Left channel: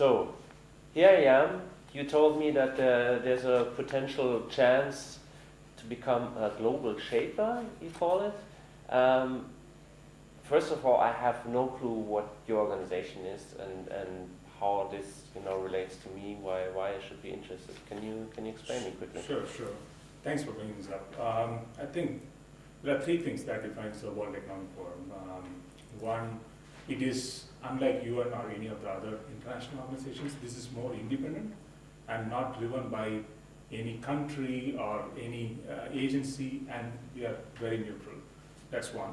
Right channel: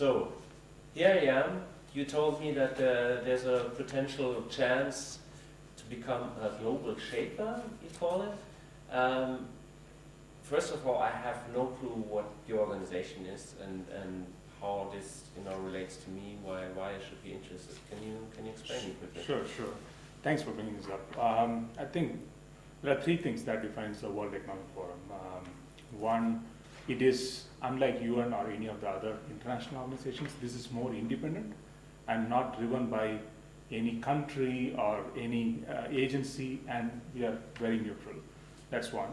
So, here I am. You told me that there's a potential chance to become a global shaper, you call it. First of all, I have no clue what your organization is and how this relates to me, why I should be interested. Can you explain me quickly? Sure. Thanks for bringing this up. I think there are three things that defines the World Economic Forum. One, it is unlike UN or any of the other international organizations. This is more independent and not driven by any country or any agency, and we are very neutral. That's one.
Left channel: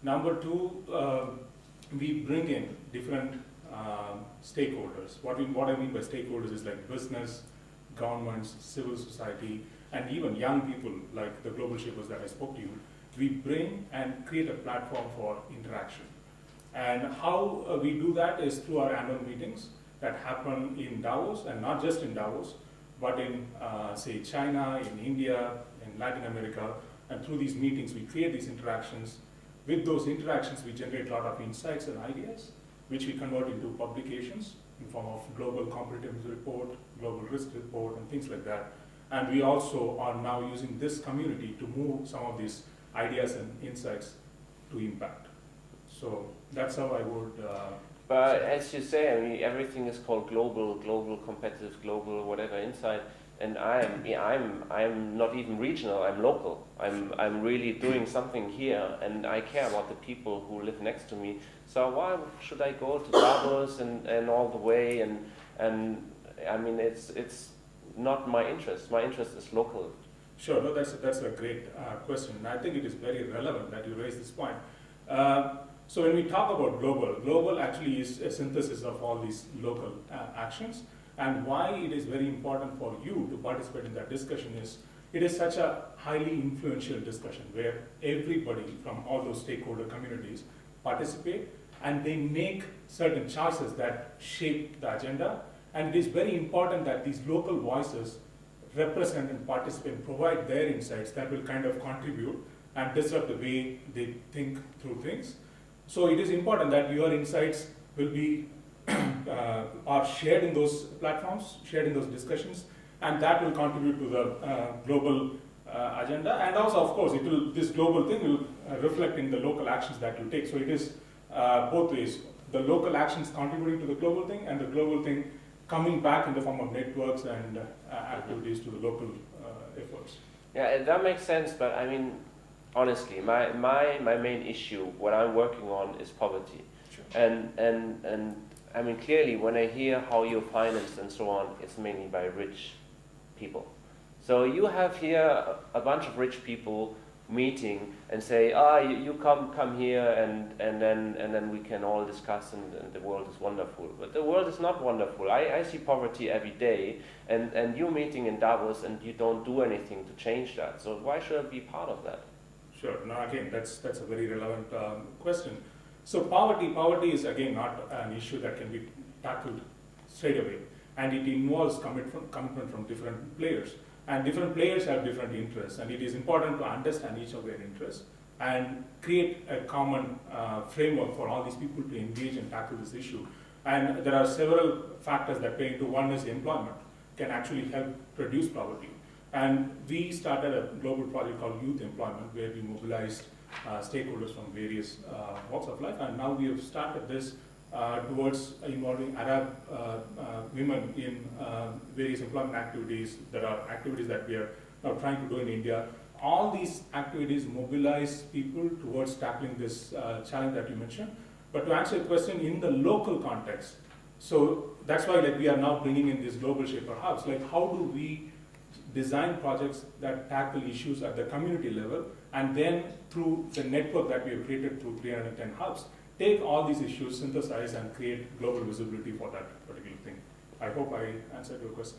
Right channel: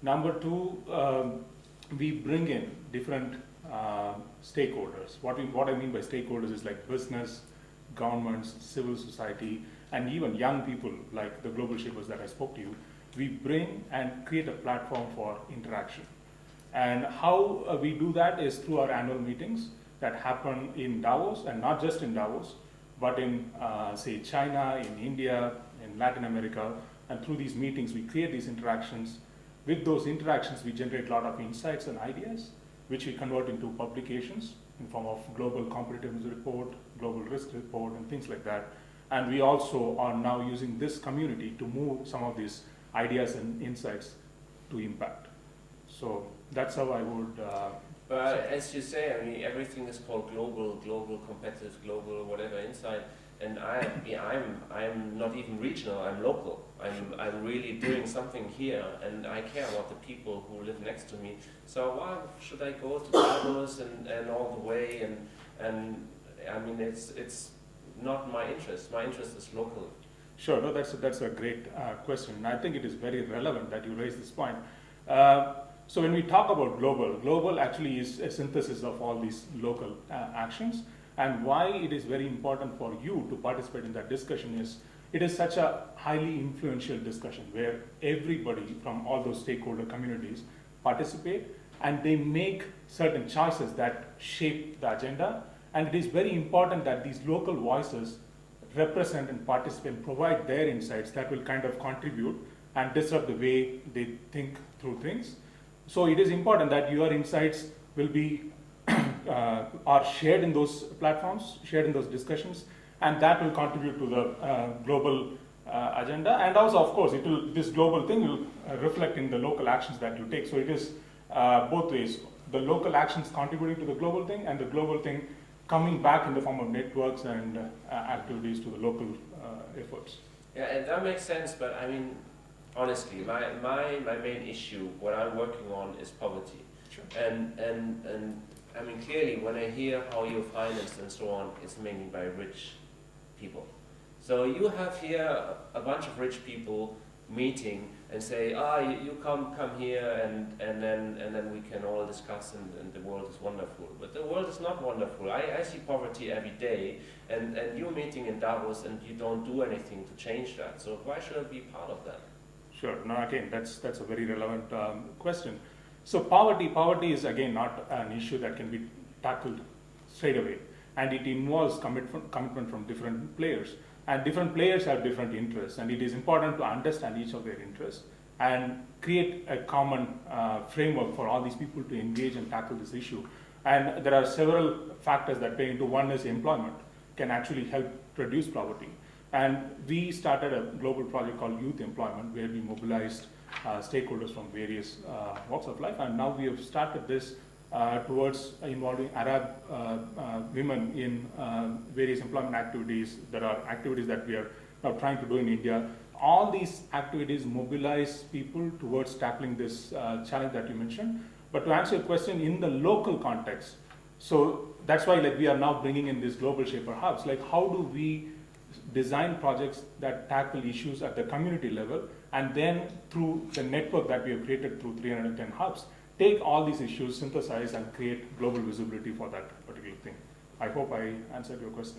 Number two, we bring in different stakeholders. What I mean by stakeholders is like business, governments, civil society, and even young people like the global shapers that I spoke to you. We bring and create a platform for interaction. And how we do that is through our annual meetings that happen in Davos, and not just in Davos, but in, say, China, in India, in Latin America. And through these meetings, we create these interactions. With those interactions, we generate a lot of insights and ideas, which we convert into publications in form of global competitiveness report, global risk report, and things like that. And we also are now using this community to move some of these ideas and insights to impact. So that's how I would. But as you say, I mean, everything is called global, competitive, global, whatever insight. And I'm not even regional. I'm local. I'm really doing something here, and I care about the people who live next to me. So why should I go to Davos and all the way? And I mean, it's not my interest. My interest is local. Sure. No, that's a great question, and I think it is very relevant that you raise this point. So when we talk about global actually is a synthesis of all these local actions. And why it is very important for you to participate in that discussion is it is such a highly influential discussion where everybody from all those stakeholder communities participate and they make certain choices that shape the agenda. And it is very important that these local voices represent and participate and provide their insights that will kind of contribute and disrupt the way they think through things. So it is important that your insights will be are shared in those platforms, shared in those discussions, and that will contribute to the global agenda. And also, of course, this global thing will reflect in the local actions that you take. So it is both ways: the local actions contributing to the global thing, and the global thing coming back in the form of networks and activities to the local efforts. Yeah, that makes sense. But I mean, honestly, my main issue, what I'm working on, is poverty. Sure. And I mean, clearly, when I hear how you're financed and so on, it's mainly by rich people. So you have here a bunch of rich people meeting and say, you come here, and then we can all discuss, and the world is wonderful. But the world is not wonderful. I see poverty every day, and you're meeting in Davos, and you don't do anything to change that. So why should I be part of that? Sure. No, again, that's a very relevant question. So poverty is again not an issue that can be tackled straight away, and it involves commitment from different players, and different players have different interests, and it is important to understand each of their interests and create a common framework for all these people to engage and tackle this issue. And there are several factors that play into. One is employment can actually help reduce poverty, and we started a global project called Youth Employment, where we mobilized stakeholders from various walks of life, and now we have started this towards involving Arab women in various employment activities. There are activities that we are now trying to do in India. All these activities mobilize people towards tackling this challenge that you mentioned. But to answer your question, in the local context, so that's why we are now bringing in these global shaper hubs. How do we design projects that tackle issues at the community level, and then through the network that we have created through 310 hubs, take all these issues, synthesize, and create global visibility for that particular thing. I hope I answered your question.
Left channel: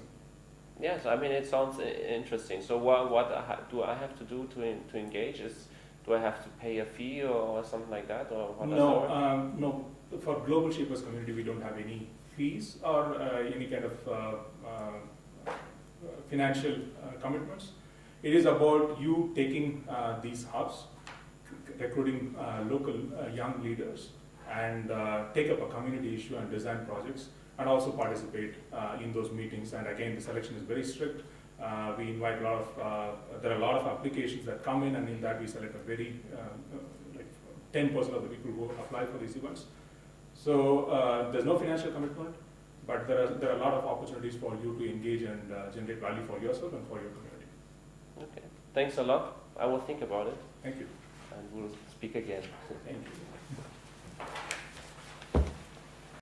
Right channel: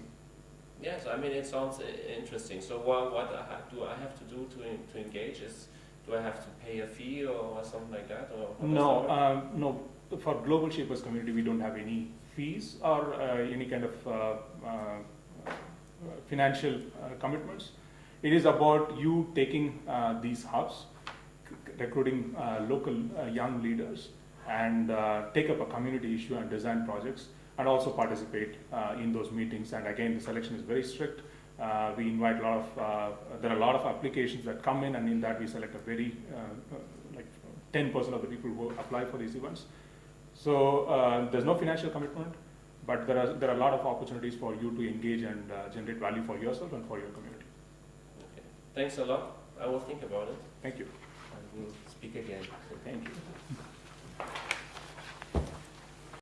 Yes, I mean, it sounds interesting. So what do I have to do to engage? Do I have to pay a fee or something like that? Or no. For Global Shapers community, we don't have any fees or any kind of financial commitments. It is about you taking these hubs, recruiting local young leaders, and take up a community issue and design projects, and also participate in those meetings. And again, the selection is very strict. We invite a lot of, there are a lot of applications that come in, and in that we select a very, like 10% of the people who apply for these events. So there's no financial commitment, but there are a lot of opportunities for you to engage and generate value for yourself and for your community. Okay, thanks a lot. I will think about it. Thank you. And we'll speak again. Thank you.